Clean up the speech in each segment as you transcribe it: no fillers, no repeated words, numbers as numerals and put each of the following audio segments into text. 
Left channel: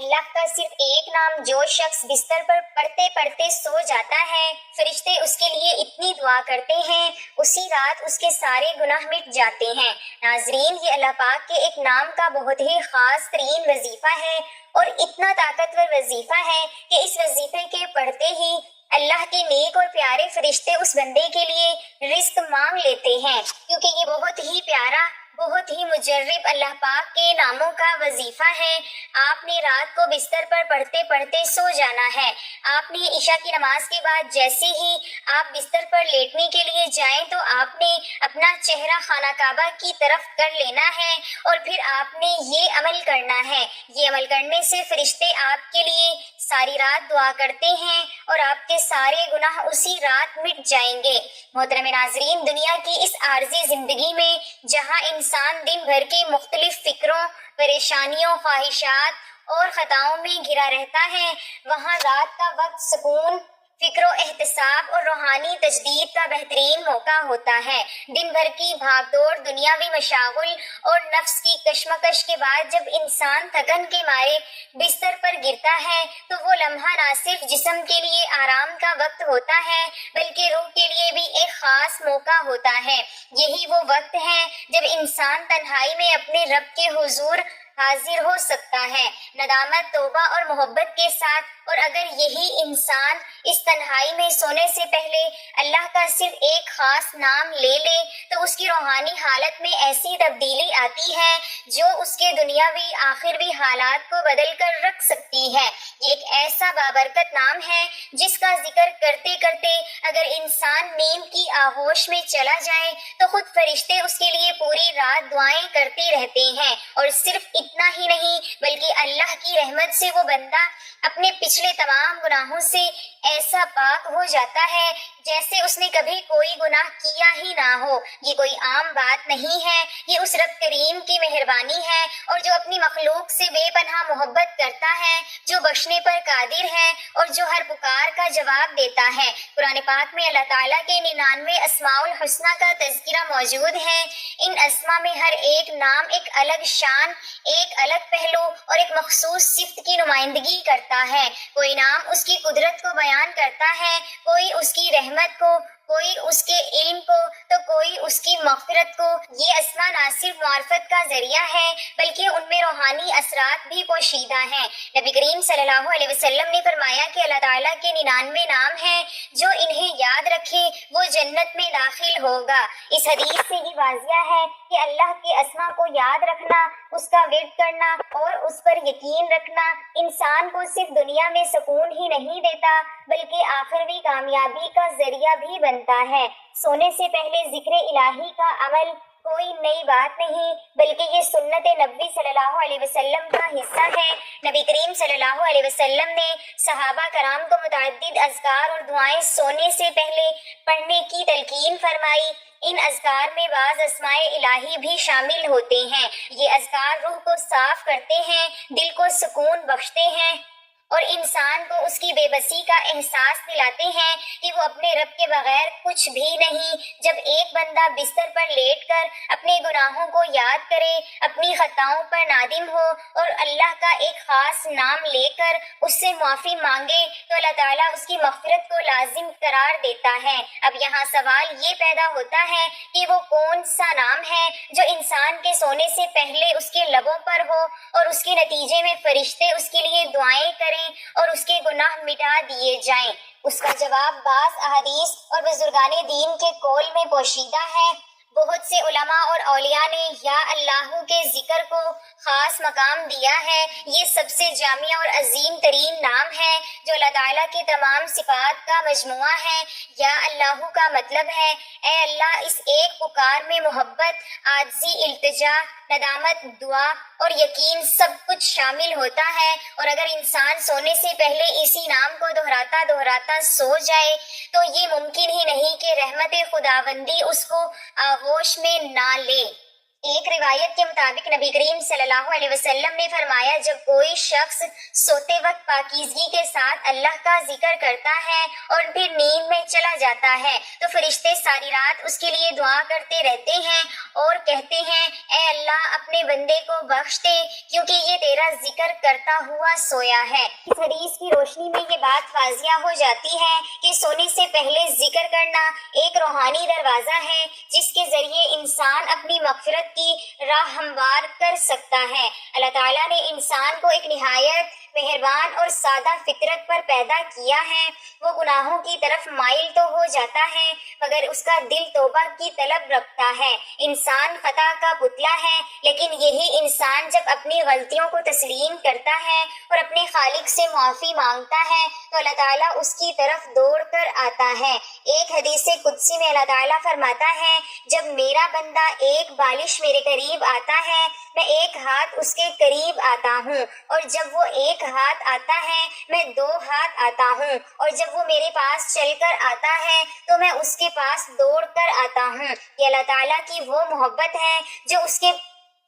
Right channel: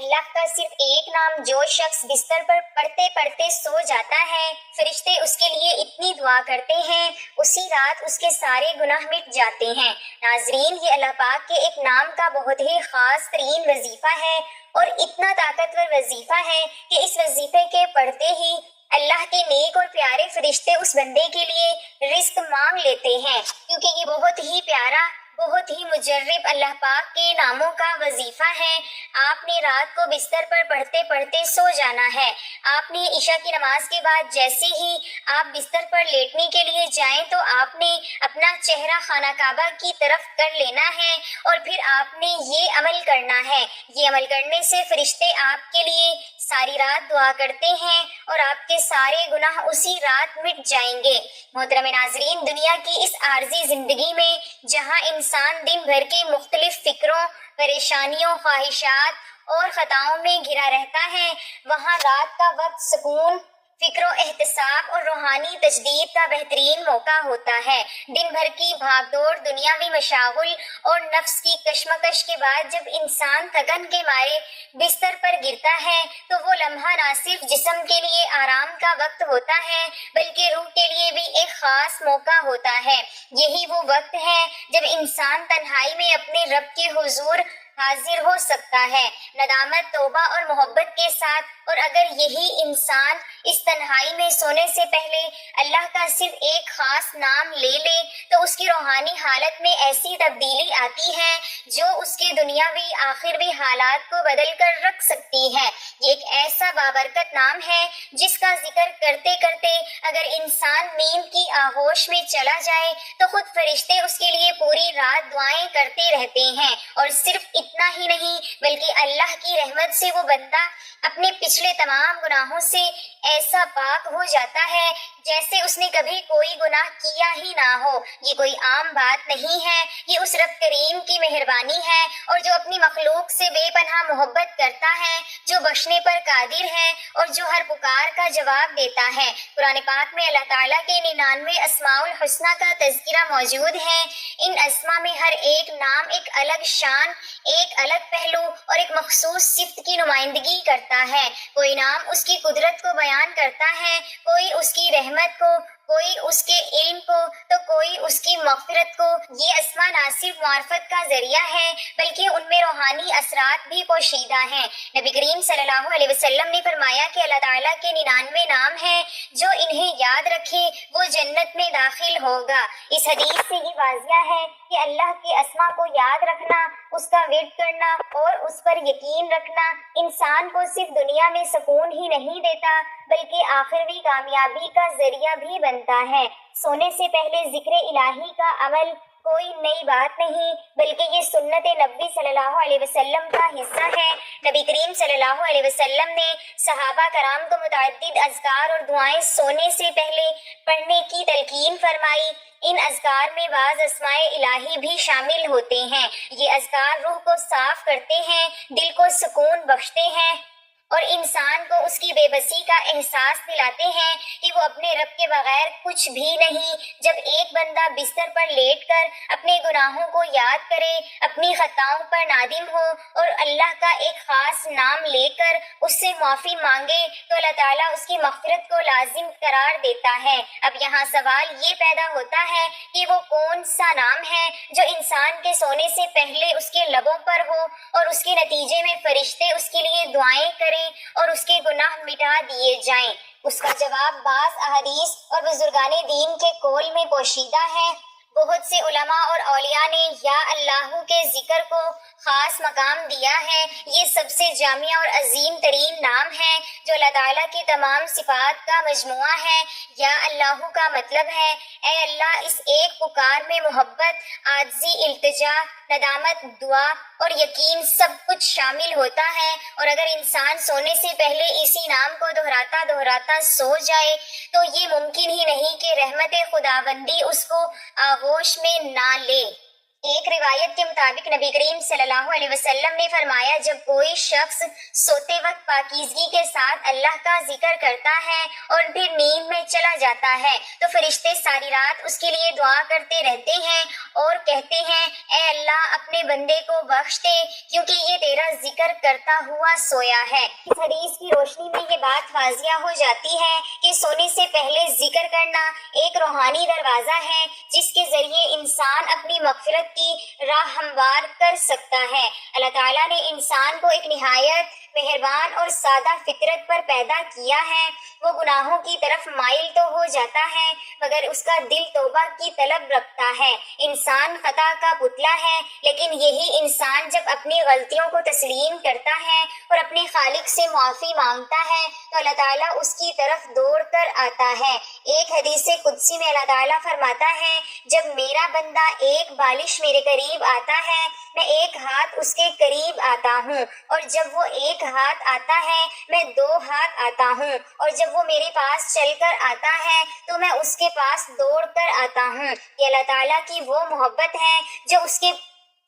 اللہ کا صرف ایک نام جو شخص بستر پر پڑھتے پڑھتے سو جاتا ہے، فرشتے اس کے لیے اتنی دعا کرتے ہیں، اسی رات اس کے سارے گناہ مٹ جاتے ہیں۔ ناظرین، یہ اللہ پاک کے ایک نام کا بہت ہی خاص ترین وظیفہ ہے اور اتنا طاقتور وظیفہ ہے کہ اس وظیفے کے پڑھتے ہی اللہ کے نیک اور پیارے فرشتے اس بندے کے لیے رزق مانگ لیتے ہیں، کیونکہ یہ بہت ہی پیارا، بہت ہی مجرب اللہ پاک کے ناموں کا وظیفہ ہے۔ آپ نے رات کو بستر پر پڑھتے پڑھتے سو جانا ہے۔ آپ نے عشاء کی نماز کے بعد جیسے ہی آپ بستر پر لیٹنے کے لیے جائیں تو آپ نے اپنا چہرہ خانہ کعبہ کی طرف کر لینا ہے اور پھر آپ نے یہ عمل کرنا ہے۔ یہ عمل کرنے سے فرشتے آپ کے لیے ساری رات دعا کرتے ہیں اور آپ کے سارے گناہ اسی رات مٹ جائیں گے۔ محترم ناظرین، دنیا کی اس عارضی زندگی میں جہاں انسان دن بھر کی مختلف فکروں، پریشانیوں، خواہشات اور خطاؤں میں گھرا رہتا ہے، وہاں رات کا وقت سکون، فکر و احتساب اور روحانی تجدید کا بہترین موقع ہوتا ہے۔ دن بھر کی بھاگ دوڑ، دنیاوی مشاغل اور نفس کی کشمکش کے بعد جب انسان تھکن کے مارے بستر پر گرتا ہے تو وہ لمحہ نہ صرف جسم کے لیے آرام کا وقت ہوتا ہے بلکہ روح کے لیے بھی ایک خاص موقع ہوتا ہے۔ یہی وہ وقت ہے جب انسان تنہائی میں اپنے رب کے حضور حاضر ہو سکتا ہے، ندامت، توبہ اور محبت کے ساتھ۔ اور اگر یہی انسان اس تنہائی میں سونے سے پہلے اللہ کا صرف ایک خاص نام لے لے تو اس کی روحانی حالت میں ایسی تبدیلی آتی ہے جو اس کے دنیاوی آخروی حالات کو بدل کر رکھ سکتی ہے۔ یہ ایک ایسا بابرکت نام ہے جس کا ذکر کرتے کرتے اگر انسان نیند کی آغوش میں چلا جائے تو خود فرشتے اس کے لیے پوری رات دعائیں کرتے رہتے ہیں۔ اور صرف اتنا ہی نہیں بلکہ اللہ کی رحمت سے وہ بندہ اپنے پچھلے تمام گناہوں سے ایسا پاک ہو جاتا ہے جیسے اس نے کبھی کوئی گناہ کیا ہی نہ ہو۔ یہ کوئی عام بات نہیں ہے، یہ اس رب کریم کی مہربانی ہے اور جو اپنی مخلوق سے بے پناہ محبت کرتا ہے، جو بخشنے پر قادر ہے اور جو ہر پکار کا جواب دیتا ہے۔ قرآن پاک میں اللہ تعالیٰ کے 99 اسماء الحسنیٰ کا تذکرہ موجود ہے۔ ان اسماء میں ہر ایک نام ایک الگ شان، ایک الگ پہلو اور ایک مخصوص صفت کی نمائندگی کرتا ہے۔ کوئی نام اس کی قدرت کو بیان کرتا ہے، کوئی اس کی رحمت کو، کوئی اس کے علم کو تو کوئی اس کی مغفرت کو۔ یہ اسماء نہ صرف معرفت کا ذریعہ ہے بلکہ ان میں روحانی اثرات بھی پوشیدہ ہیں۔ نبی کریم صلی اللہ علیہ وسلم نے فرمایا کہ اللہ تعالیٰ کے 99 نام ہیں، جو انہیں یاد رکھے وہ جنت میں داخل ہوگا۔ اس حدیث سے یہ واضح ہے کہ اللہ کے اسماء کو یاد رکھنا، اس کا ورد کرنا اور اس پر یقین رکھنا انسان کو صرف دنیا میں سکون ہی نہیں دیتا بلکہ آخروی کامیابی کا ذریعہ بھی بنتا ہے۔ سونے سے پہلے ذکر الہی کا عمل کوئی نئی بات نہیں بلکہ یہ سنت نبی صلی اللہ علیہ وسلم کا حصہ ہے۔ نبی کریم صلی اللہ علیہ وسلم نے صحابہ کرام کو متعدد اذکار اور دعائیں سونے سے پہلے پڑھنے کی تلقین فرمائی۔ ان اذکار میں بعض اسماء الہی بھی شامل ہوتے ہیں۔ یہ اذکار روح کو صاف کرتے ہیں، دل کو سکون بخشتے ہیں اور انسان کو اس کی بے بسی کا احساس دلاتے ہیں کہ وہ اپنے رب کے بغیر کچھ بھی نہیں۔ جب ایک بندہ بستر پر لیٹ کر اپنے گناہوں کو یاد کرے، اپنی خطاؤں پر نادم ہو اور اللہ کا ایک خاص نام لے کر اس سے معافی مانگے تو اللہ تعالیٰ اس کی مغفرت کو لازم قرار دیتا ہے۔ اب یہاں سوال یہ پیدا ہوتا ہے کہ وہ کون سا نام ہے جو انسان کے سونے سے پہلے اس کے لبوں پر ہو اور اس کے نتیجے میں فرشتے اس کے لیے دعائیں کریں اور اس کے گناہ مٹا دیے جائیں۔ اس کا جواب بعض احادیث اور بزرگان دین کے قول میں پوشیدہ ہے۔ بہت سے علماء اور اولیاء نے یا اللہ کے ذکر کو خاص مقام دیا ہے۔ یہ سب سے جامع اور عظیم ترین نام ہے جو اللہ تعالیٰ کے تمام صفات کا مجموعہ ہے۔ یا اللہ کا مطلب ہے اے اللہ، اس ایک پکار میں محبت، عاجزی، التجا، ندامت، دعا اور یقین سب کچھ شامل ہوتا ہے۔ اور اگر انسان سونے سے پہلے اسی نام کو دہراتا دہراتا سو جائے تو یہ ممکن ہی نہیں کہ رحمت خداوندی اس کو آغوش میں نہ لے۔ ایک روایت کے مطابق نبی کریم صلی اللہ علیہ وسلم نے فرمایا، جب کوئی شخص سوتے وقت پاکیزگی کے ساتھ اللہ کا ذکر کرتا ہے اور پھر نیند میں چلا جاتا ہے تو فرشتے ساری رات اس کے لیے دعا کرتے رہتے ہیں اور کہتے ہیں، اے اللہ اپنے بندے کو بخش دے کیونکہ یہ تیرا ذکر کرتا ہوا سویا ہے۔ اس حدیث کی روشنی میں یہ بات واضح ہو جاتی ہے کہ سونے سے پہلے ذکر کرنا ایک روحانی دروازہ ہے جس کے ذریعے انسان اپنی مغفرت کی راہ ہموار کر سکتا ہے۔ اللہ تعالیٰ نے انسان کو ایک نہایت مہربان اور سادہ فطرت پر پیدا کیا ہے۔ وہ گناہوں کی طرف مائل تو ہو جاتا ہے مگر اس کا دل توبہ کی طلب رکھتا ہے۔ انسان خطا کا پتلا ہے، لیکن یہی انسان جب اپنی غلطیوں کو تسلیم کرتا ہے اور اپنے خالق سے معافی مانگتا ہے تو اللہ تعالیٰ اس کی طرف دوڑ کر آتا ہے۔ ایک حدیث قدسی میں اللہ تعالیٰ فرماتا ہے، جب میرا بندہ ایک بالش میرے قریب آتا ہے میں ایک ہاتھ اس کے قریب آتا ہوں، اور جب وہ ایک ہاتھ آتا ہے میں 2 ہاتھ آتا ہوں، اور جب وہ میرے پاس چل کر آتا ہے تو میں اس کے پاس دوڑ کر آتا ہوں۔ یہ اللہ تعالیٰ کی وہ محبت ہے جو اس کے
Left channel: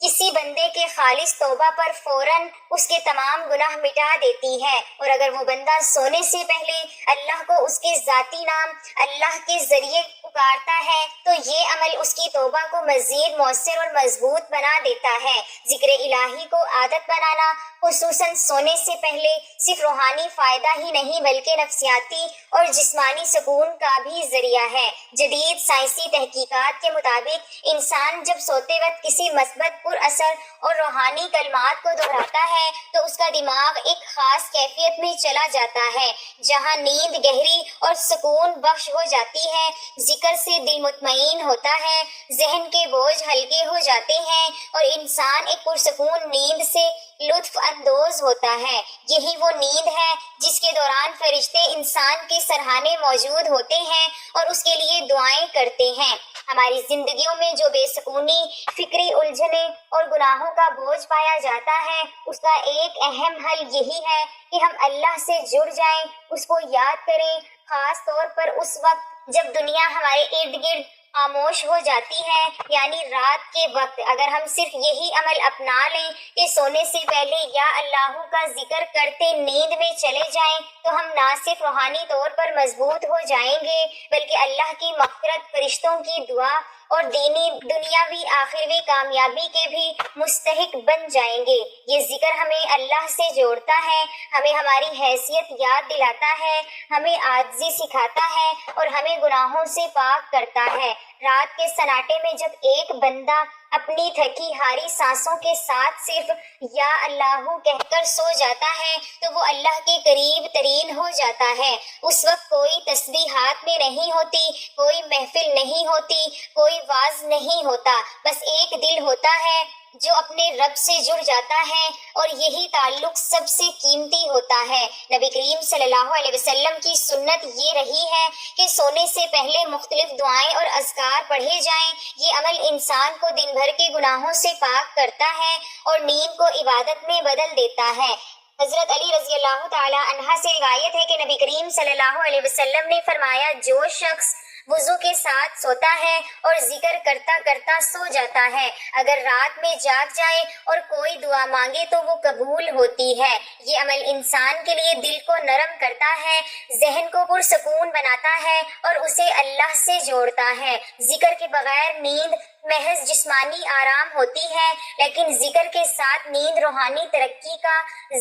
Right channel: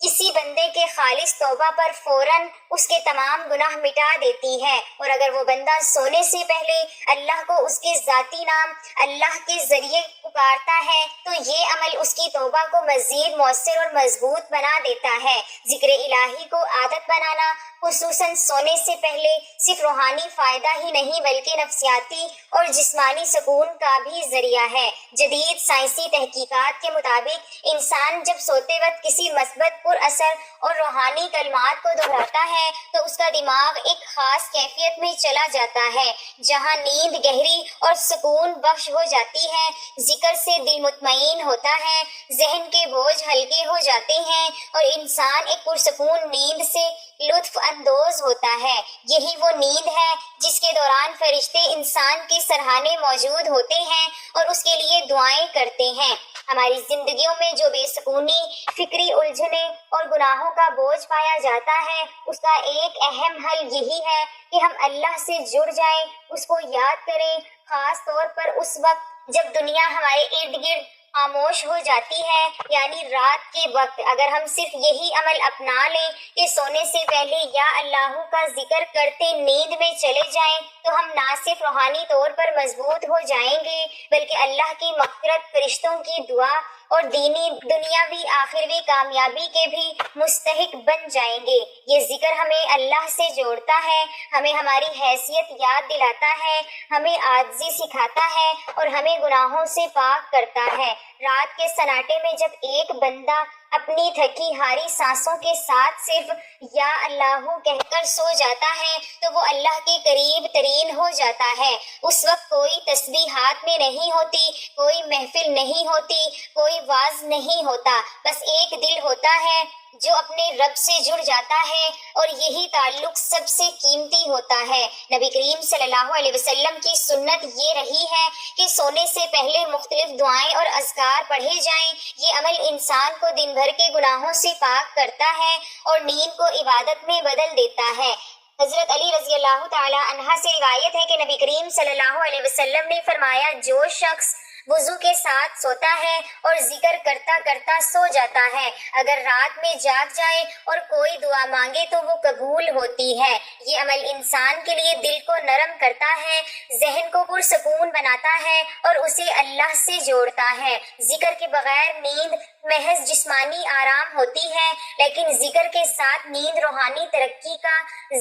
کسی بندے کے خالص توبہ پر فوراً اس کے تمام گناہ مٹا دیتی ہے، اور اگر وہ بندہ سونے سے پہلے اللہ کو اس کے ذاتی نام اللہ کے ذریعے پکارتا ہے تو یہ عمل اس کی توبہ کو مزید مؤثر اور مضبوط بنا دیتا ہے۔ ذکر الہی کو عادت بنانا خصوصاً سونے سے پہلے صرف روحانی فائدہ ہی نہیں بلکہ نفسیاتی اور جسمانی سکون کا بھی ذریعہ ہے۔ جدید سائنسی تحقیقات کے مطابق انسان جب سوتے وقت کسی مثبت پر اثر اور روحانی کلمات کو دہراتا ہے تو اس کا دماغ ایک خاص کیفیت میں چلا جاتا ہے جہاں نیند گہری اور سکون بخش ہو جاتی ہے۔ ذکر سے دل مطمئن ہوتا ہے، ذہن کے بوجھ ہلکے ہو جاتے ہیں اور انسان ایک پرسکون نیند سے لطف اندوز ہوتا ہے۔ یہی وہ نیند ہے جس کے دوران فرشتے انسان کے سرہانے موجود ہوتے ہیں اور اس کے لیے دعائیں کرتے ہیں۔ ہماری زندگیوں میں جو بے سکونی، فکری الجھنیں اور گناہوں کا بوجھ پایا جاتا ہے اس کا ایک اہم حل یہی ہے کہ ہم اللہ سے جڑ جائیں، اس کو یاد کریں، خاص طور پر اس وقت جب دنیا ہمارے ارد گرد خاموش ہو جاتی ہے، یعنی رات کے وقت۔ اگر ہم صرف یہی عمل اپنا لیں کہ سونے سے پہلے یا اللہ کا ذکر کرتے نیند میں چلے جائیں تو ہم نہ صرف روحانی طور پر مضبوط ہو جائیں گے بلکہ اللہ کی مغفرت، فرشتوں کی دعا اور دینی دنیاوی آخروی کامیابی کے بھی مستحق بن جائیں گے۔ یہ ذکر ہمیں اللہ سے جوڑتا ہے، ہمیں ہماری حیثیت یاد دلاتا ہے، ہمیں عاجزی سکھاتا ہے اور ہمیں گناہوں سے پاک کرتا ہے۔ رات کے سناٹے میں جب ایک بندہ اپنی تھکی ہاری سانسوں کے ساتھ صرف یا اللہ کہہ کر سو جاتا ہے تو وہ اللہ کے قریب ترین ہو جاتا ہے۔ اس وقت کوئی تسبیح ہاتھ میں نہیں ہوتی، کوئی محفل نہیں ہوتی، کوئی واعظ نہیں ہوتا، بس ایک دل ہوتا ہے جو اپنے رب سے جڑ جاتا ہے، اور یہی تعلق سب سے قیمتی ہوتا ہے۔ نبی کریم صلی اللہ علیہ وسلم کی سنت یہ رہی ہے کہ سونے سے پہلے مختلف دعائیں اور اذکار پڑھے جائیں۔ یہ عمل انسان کو دن بھر کے گناہوں سے پاک کرتا ہے اور نیند کو عبادت میں بدل دیتا ہے۔ حضرت علی رضی اللہ تعالی عنہ سے روایت ہے کہ نبی کریم صلی اللہ علیہ وسلم نے فرمایا، جو شخص وضو کے ساتھ سوتا ہے اور ذکر کرتا کرتا سو جاتا ہے، اگر رات میں جاگ جائے اور کوئی دعا مانگے تو وہ قبول ہوتی ہے۔ یہ عمل انسان کے لیے دل کو نرم کرتا ہے، ذہن کو پرسکون بناتا ہے اور اسے اللہ سے جوڑتا ہے۔ ذکر کے بغیر نیند محض جسمانی آرام ہوتی ہے، لیکن ذکر کے ساتھ نیند روحانی ترقی کا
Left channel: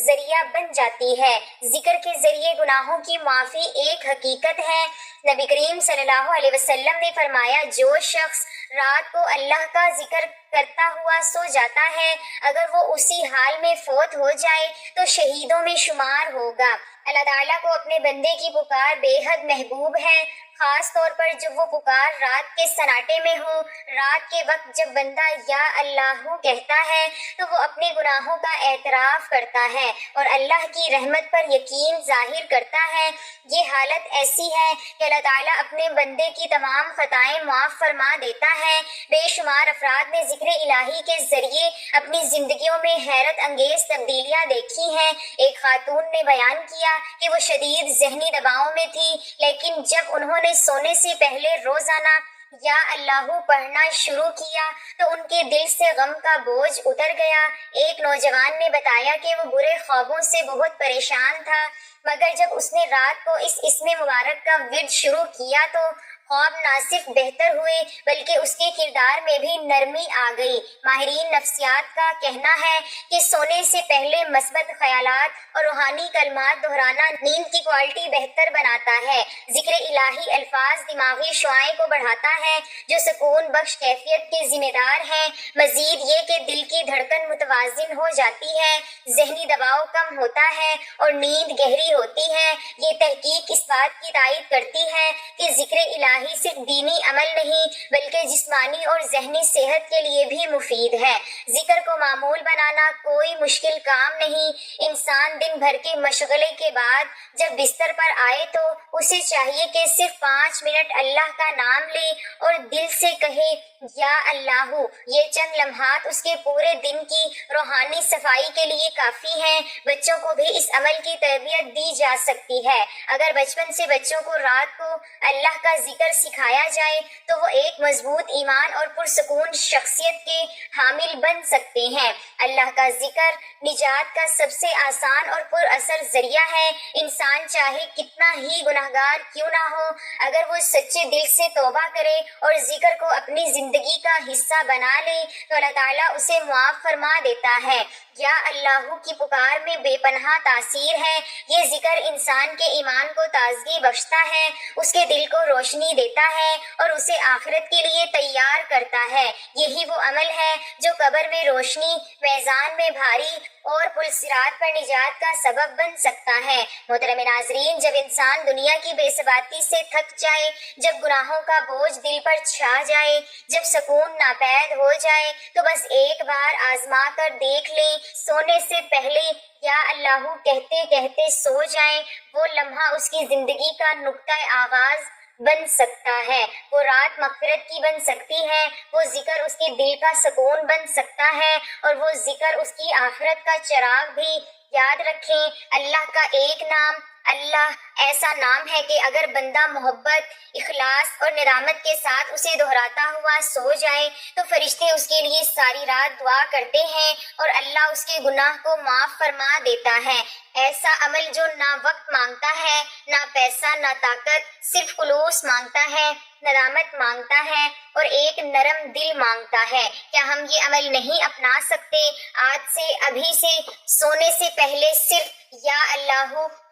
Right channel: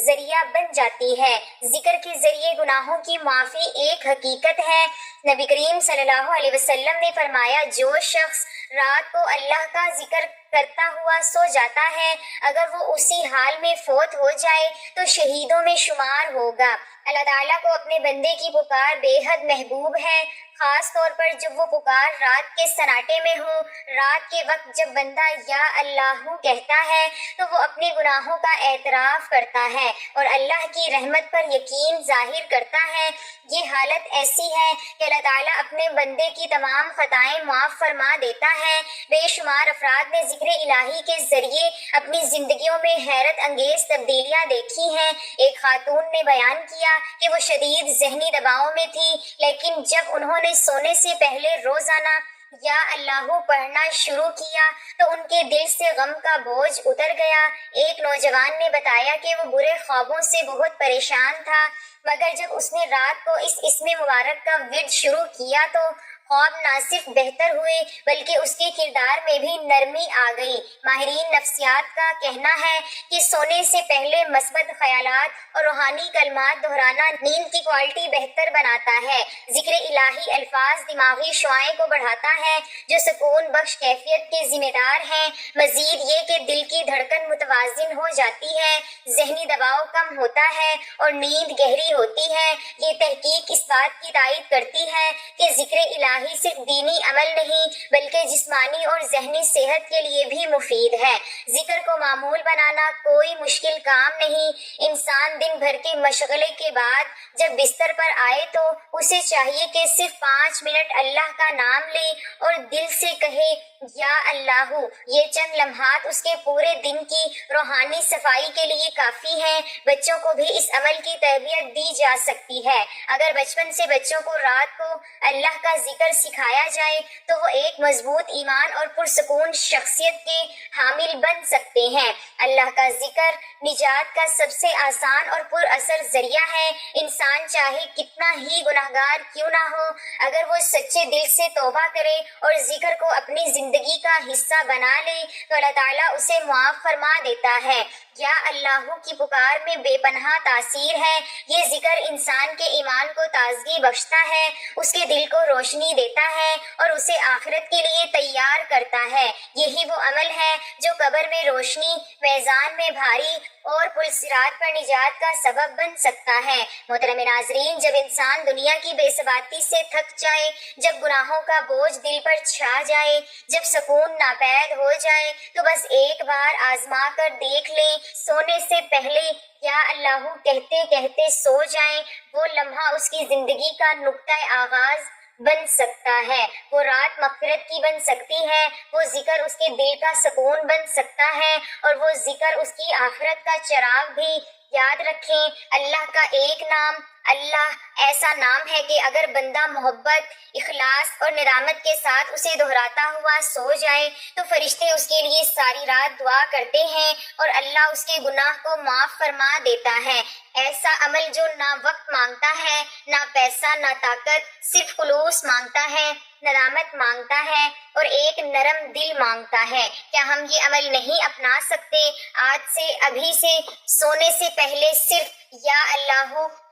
ذریعہ بن جاتی ہے۔ ذکر کے ذریعے گناہوں کی معافی ایک حقیقت ہے۔ نبی کریم صلی اللہ علیہ وسلم نے فرمایا، جو شخص رات کو اللہ کا ذکر کرتا ہوا سو جاتا ہے، اگر وہ اسی حال میں فوت ہو جائے تو شہیدوں میں شمار ہوگا۔ اللہ تعالیٰ کو اپنے بندے کی پکار بے حد محبوب ہے، خاص طور پر جب وہ پکار رات کے سناٹے میں ہو۔ رات کے وقت جب بندہ یا اللہ کہتا ہے تو وہ اپنے گناہوں کا اعتراف کرتا ہے اور اللہ کی رحمت پر یقین ظاہر کرتا ہے۔ یہ حالت ایسی ہے کہ اللہ تعالیٰ اپنے بندے کی تمام خطائیں معاف فرما دیتا ہے۔ بے شمار افراد نے ذکر الہی کے ذریعے اپنی زندگیوں میں حیرت انگیز تبدیلیاں دیکھی ہیں۔ ایک خاتون نے بیان کیا کہ وہ شدید ذہنی دباؤ میں تھی، لیکن جب انہوں نے سونے سے پہلے روزانہ یا اللہ پڑھنا شروع کیا تو ان کے دل سے غم کا بوجھ اتر گیا۔ ایک نوجوان نے بتایا کہ وہ برے خوابوں سے بہت پریشان تھا، مگر جب اس نے رات کو اس اسم مبارک کا ورد شروع کیا تو خواب نہ صرف بہتر ہوئے بلکہ اس کے کردار میں بھی نرمی آ گئی۔ ماہرین نفسیات کا کہنا ہے کہ سونے سے پہلے مثبت خیالات اور روحانی کلمات دہرانا نیند کی کوالٹی بہتر بناتا ہے۔ ذکر الہی الفاظ دماغی شعاعیں کو بڑھاتا ہے جو سکون بخش کیفیت کے ذمہ دار ہیں۔ مزید یہ کہ دل کی دھڑکن متوازن ہو جاتی ہے، ذہنی دباؤ کم ہوتا ہے اور نیند گہری ہوتی ہے۔ یہ تحقیق اس بات کی تائید کرتی ہے کہ ذکر الہی صرف دینی عمل نہیں بلکہ جسمانی اور ذہنی صحت کے لیے بھی مفید ہے۔ ذکر کو معمول بنانا کوئی مشکل کام نہیں۔ انسان دن بھر کے مشغلے کے بعد جب بستر پر آئے تو اسے چاہیے کہ صرف 5 منٹ اللہ کا نام لے اور دل سے کہے یا اللہ۔ یہ چند لمحات اس کے پورے دن کی روحانی صفائی کے لیے کافی ہیں۔ بچوں کو بھی اس عمل کی تربیت دی جا سکتی ہے۔ اگر بچپن سے بچوں کو رات کو اللہ کا ذکر سکھایا جائے تو وہ ایک مضبوط ایمان اور پرسکون شخصیت کے حامل بن سکتے ہیں۔ اللہ کا ذکر نجات کا سب سے آسان اور پر اثر ذریعہ ہے۔ انسان چاہے کتنا ہی گناہگار کیوں نہ ہو، اگر وہ سچے دل سے توبہ کرے اور ذکر کو اپنی زندگی کا حصہ بنا لے تو اللہ تعالیٰ اسے معاف فرما دیتا ہے۔ یا اللہ کی پکار میں بے پناہ تاثیر ہے۔ یہ ذکر انسان کے ایمان کو تازگی بخشتا ہے، اس کے دل کو روشنی دیتا ہے اور اسے آخرت کے لیے تیار کرتا ہے۔ یہی وہ عمل ہے جو قبر میں روشنی، میزان میں بھاری اور پل صراط پر نجات کا سبب بن سکتا ہے۔ محترم ناظرین، جب انسان دنیا کی بے ثباتی سے تھک جائے، جب گناہوں کا بوجھ دل پر چھا جائے، جب سکون ناپید ہو جائے تو بس ایک بار آزما کر دیکھ لیں، سونے سے پہلے یا اللہ کہتے کہتے سو جائیں۔ وہ لمحہ اس کی زندگی کا نقطۂ آغاز بن سکتا ہے، وہ رات مغفرت کی بن سکتی ہے، وہ ذکر اس کے دل کا سکون بن سکتا ہے اور وہ ذکر اس کی آخرت کا چراغ بھی۔ یاد رکھیں، اللہ کا ایک نام اللہ ایسا نام ہے کہ اگر بندہ محبت، اخلاص اور ندامت کے ساتھ اسے دہراتا ہوا سو جائے تو فرشتے اس کے لیے ساری رات دعا کرتے ہیں اور اللہ اس کے گناہ کو معاف فرما دیتا ہے۔ ایسا عمل جو نہ وقت مانگتا ہے، نہ پیسہ، نہ طاقت، صرف خلوص مانگتا ہے، ندامت مانگتا ہے اور ایک نرم دل مانگتا ہے۔ کیا ہم یہ عمل نہیں اپنا سکتے؟ آج سے، ابھی سے، سونے سے پہلے صرف یا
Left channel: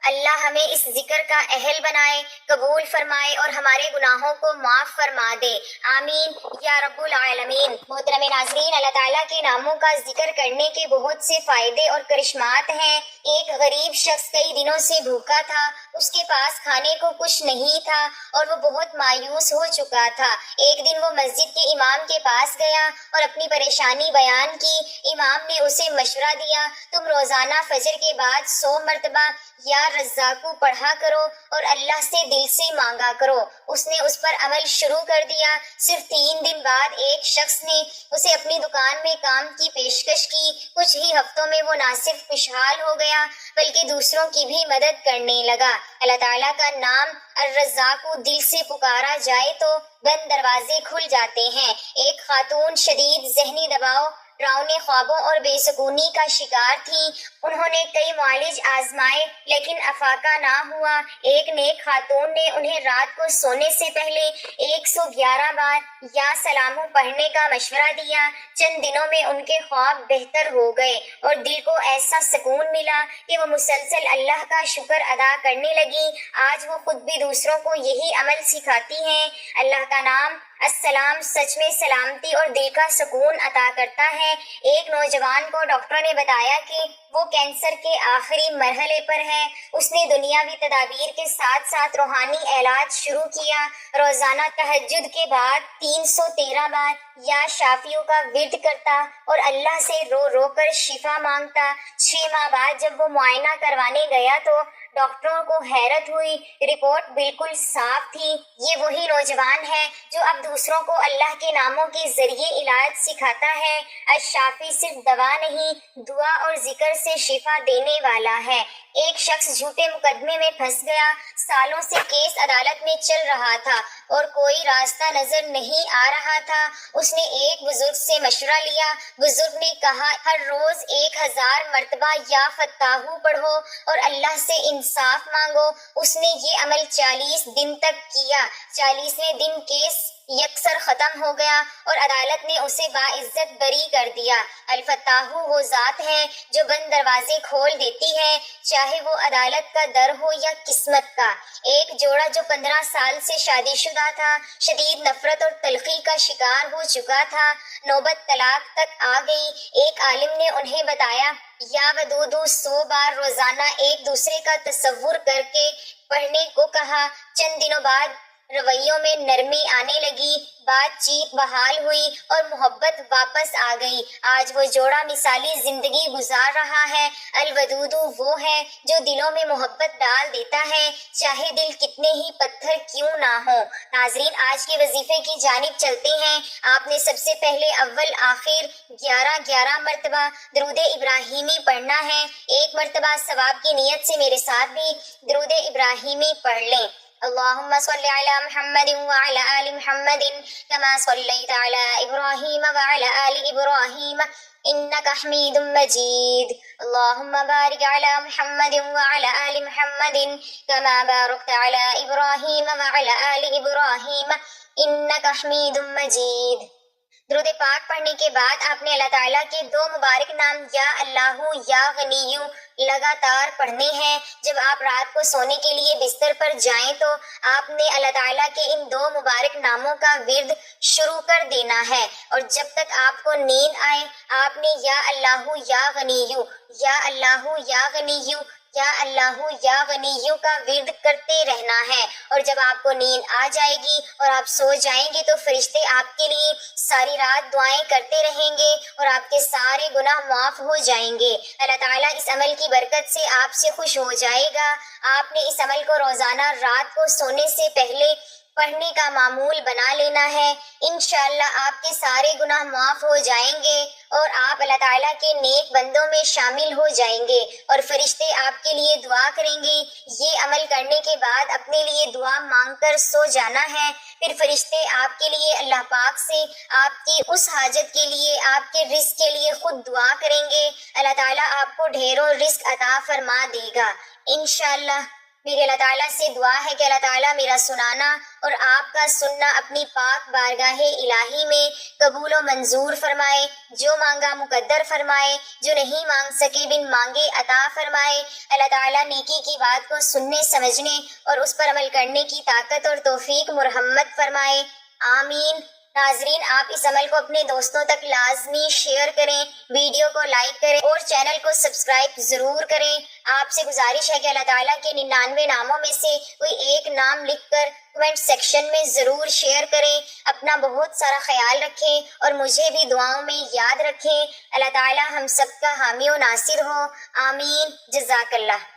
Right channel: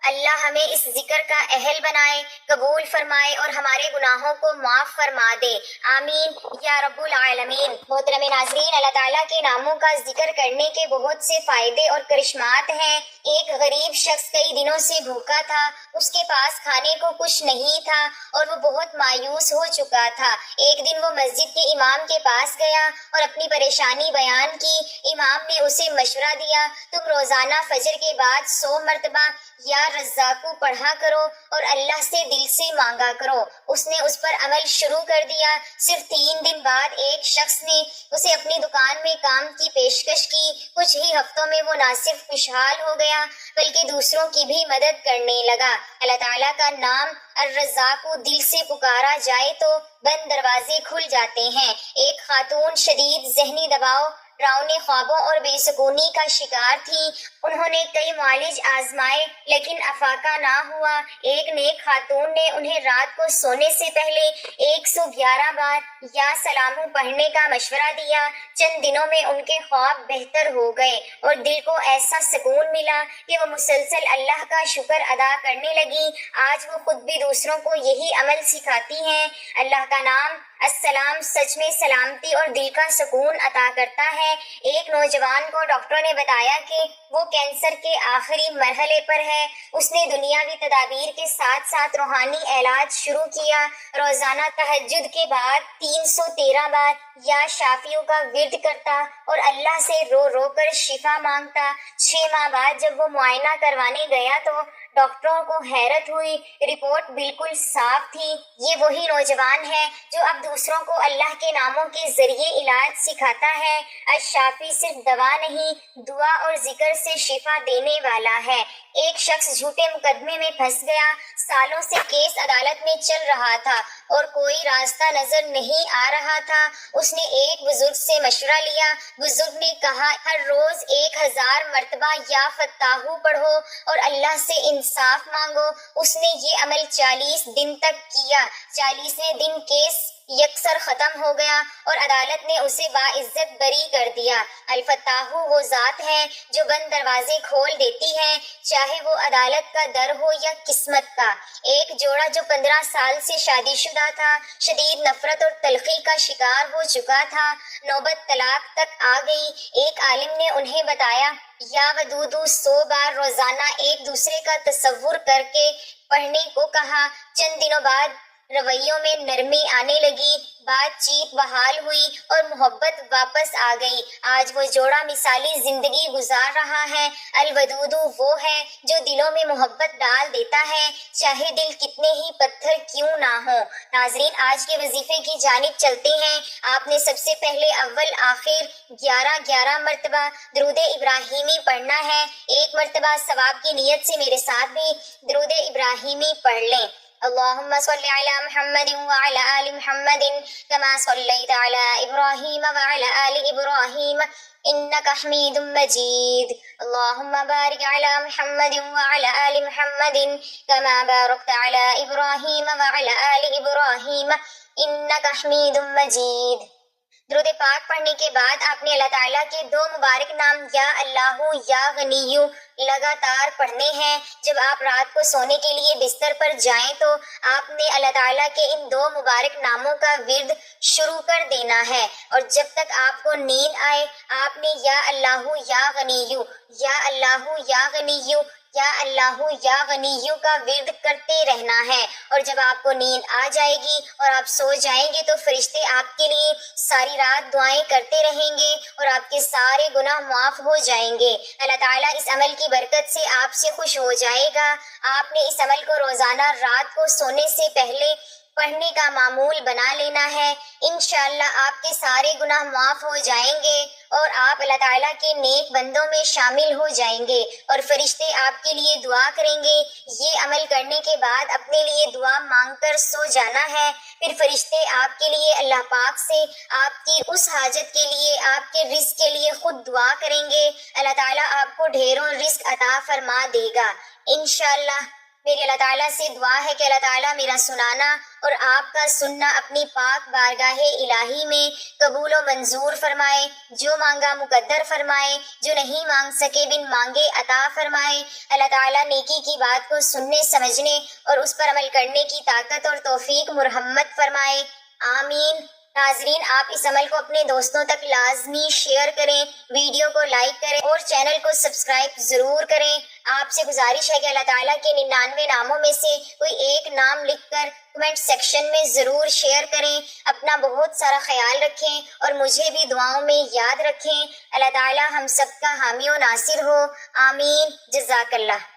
اللہ ہمیں اس ذکر کا اہل بنائے، قبول فرمائے اور ہمارے گناہوں کو معاف فرما دے، آمین یا رب العالمین۔ محترم ناظرین، اللہ تعالیٰ کے ناموں کا ذکر کرنے کے بہت سے فائدے اور کرشمات ہیں۔ ایک غریب شخص کئی دنوں سے بھوکا تھا، اس کے پاس کھانے کو کچھ نہیں تھا اور وہ بہت مایوس ہو چکا تھا۔ ایک دن وہ مسجد کے امام کے پاس گیا اور اپنی پریشانی بیان کی۔ امام نے اسے مشورہ دیا، تم روزانہ فجر کے بعد 100 مرتبہ یا رزاقو پڑھا کرو اور اللہ سے دل سے مانگا کرو۔ اس نے اس پر عمل شروع کر دیا۔ صرف 3 دن بعد ایک شخص نے اسے اپنی دکان میں کام کی پیشکش کی۔ کچھ ہی ہفتوں میں وہ نہ صرف خوشحال ہو گیا بلکہ دوسروں کی بھی مدد کرنے لگا۔ اللہ تعالیٰ کا نام الرزاق دل سے پکارا جائے تو بند دروازے کھل جاتے ہیں۔ ایک خاتون شدید ذہنی دباؤ، ڈراؤنے خوابوں اور بے سکونی کا شکار تھی۔ انہوں نے کئی معالج آزمائے لیکن افاقہ نہ ہوا۔ ایک نیک خاتون نے انہیں رات کو سونے سے پہلے 111 بار یا سلامو پڑھنے کا مشورہ دیا۔ چند دنوں میں ان کے خواب بہتر ہو گئے اور دل کو ایسا سکون ملا کہ وہ مسلسل اللہ کا شکر ادا کرنے لگی۔ آج وہ خود بھی دوسروں کو یہی عمل سکھاتی ہیں۔ اللہ کا نام السلام سچ میں سلامتی اور دل کا سکون عطا کرتا ہے۔ ایک نوجوان کو ڈاکٹر نے بتایا کہ وہ کینسر کے آخری مرحلے پر ہے۔ اس نے دنیاوی تدابیر کے ساتھ ساتھ روحانی علاج شروع کیا۔ روزانہ تہجد کے بعد 313 بار یا شافیوں کا ورد کرتا اور اللہ سے رو رو کر شفا مانگتا۔ 6 ماہ بعد جب وہ معائنہ کروانے گیا تو ڈاکٹروں کو حیرت ہوئی، رپورٹ بالکل صاف تھی۔ یہ وہی نوجوان ہے جو اب دوسروں کو اللہ کے ناموں کے ذریعے علاج سکھاتا ہے۔ الشافی صرف دوا نہیں، دعا اور ذکر سے شفا دینے والا ہے۔ ایک شخص جھوٹے مقدمے میں پھنس گیا، سالوں سے کیس عدالت میں چل رہا تھا اور کوئی راستہ نظر نہیں آ رہا تھا۔ اس نے ایک بزرگ سے مشورہ لیا۔ بزرگ نے کہا، ہر روز 1000 مرتبہ یا فتاحو پڑھو اور اللہ سے انصاف مانگو۔ اس نے یہ عمل 40 دن تک کیا۔ 40ویں دن کیس یکسر ختم ہو گیا اور عدالت نے اسے باعزت بری کر دیا۔ الفتاح وہ ذات ہے جو بند دروازے کھول دیتی ہے، چاہے وہ عدالت کا در ہو یا قسمت کا۔ ایک جوڑا جو 15 سال سے شادی شدہ تھا، شدید نفرت اور تلخی کا شکار ہو چکا تھا، نوبت طلاق تک آ گئی۔ ایک عالم نے انہیں بتایا، یا ودودو 100 بار روزانہ ایک دوسرے کا تصور کر کے پڑھنے کو کہا۔ چند دنوں بعد رویوں میں نرمی آنے لگی، بات چیت بحال ہوئی اور محبت واپس آ گئی۔ آج وہ جوڑا مثالی زندگی گزار رہا ہے۔ الودود وہ ہے جو دلوں میں محبت ڈال دیتا ہے، چاہے دل کتنے ہی پتھر کیوں نہ ہوں۔ ناظرین، آج کے وظیفے کی جانب چلتے ہیں۔ آپ نے سب سے پہلے اول آخر 11 مرتبہ درود ابراہیمی پڑھنا ہے۔ ایک مرتبہ ثواب کی نیت سے میرے ساتھ بھی درود ابراہیمی پڑھ لیں۔ اللهم صل على محمد وعلى آل محمد كما صليت على إبراهيم وعلى آل إبراهيم إنك حميد مجيد اللهم بارك على محمد وعلى آل محمد كما باركت على إبراهيم وعلى آل إبراهيم إنك حميد مجيد۔ درود پاک پڑھنے کے بعد آپ نے اللہ تعالیٰ کے 2 مبارک نام یا اللہ یا غنی لگاتار پڑھنے ہیں۔ جب آپ رات کو سونے کے لیے بستر پر جائیں تو آپ نے اللہ تعالیٰ کے ان 2 مبارک ناموں کا ورد شروع کر دینا ہے، اور جب تک آپ کو نیند آئے آپ نے یا اللہ یا غنی، یا اللہ یا غنی، یا اللہ یا غنی کا ورد کرتے رہنا ہے۔ اور جب آپ کو نیند آ جائے گی اور آپ سو جائیں گے تو فرشتے آپ کے لیے ساری رات دعائیں کرتے رہیں گے اور آپ کے سارے گناہ معاف ہو جائیں گے۔ اللہ تعالیٰ اس عمل کی برکت سے آپ سے خوش ہو جائے گا۔ آپ نے اس عمل کو روزانہ رات کو سونے سے پہلے پڑھنے کا معمول بنا لینا ہے۔ انشاءاللہ آپ کے سارے گناہ معاف ہو جائیں گے اور آپ اللہ تعالیٰ کے نیک بندوں میں شامل ہو جائیں گے اور فرشتے آپ کے لیے دعا کریں گے۔ یہ عمل کرنے کے بعد اپنے لیے دعا مانگ کر سو جانا ہے۔ پھر فرشتے آپ کے لیے اللہ پاک سے آپ کی اس حاجت کے لیے، آپ کے رزق کے لیے خود دعا کریں گے۔ اللہ تعالیٰ آپ کو ڈھیروں رزق عطا فرما دے گا انشاءاللہ۔ میری اللہ تعالیٰ سے دعا ہے کہ اللہ تعالیٰ میرا سنانا اور آپ کا سننا اپنی پاک بارگاہ الہی میں قبول و منظور فرمائے، جو مانگا مقدر فرمائے، جو نہیں مانگ سکے بن مانگے عطا فرمائے۔ اللہ تعالیٰ نیکی کی بات کو سننے سمجھنے اور اس پر عمل کرنے کی طاقت اور توفیق مرحمت فرمائے، آمین۔ ناظرین، آپ اس عمل کو اپنے دوستوں تک لازمی شیئر کریں، ویڈیو کو لائک کریں اور چینل کو سبسکرائب ضرور کریں۔ آپ سے گزارش ہے کہ اللہ تعالیٰ کے 99 ناموں میں سے کوئی ایک نام لکھ کر کمنٹ سیکشن میں ضرور شیئر کریں۔ اپنا بہت سارا خیال رکھیں اور مجھے بھی دعاؤں میں یاد رکھیں۔ اللہ تعالیٰ ہم سب کا حامی و ناصر ہو، آمین۔ جزاک اللہ۔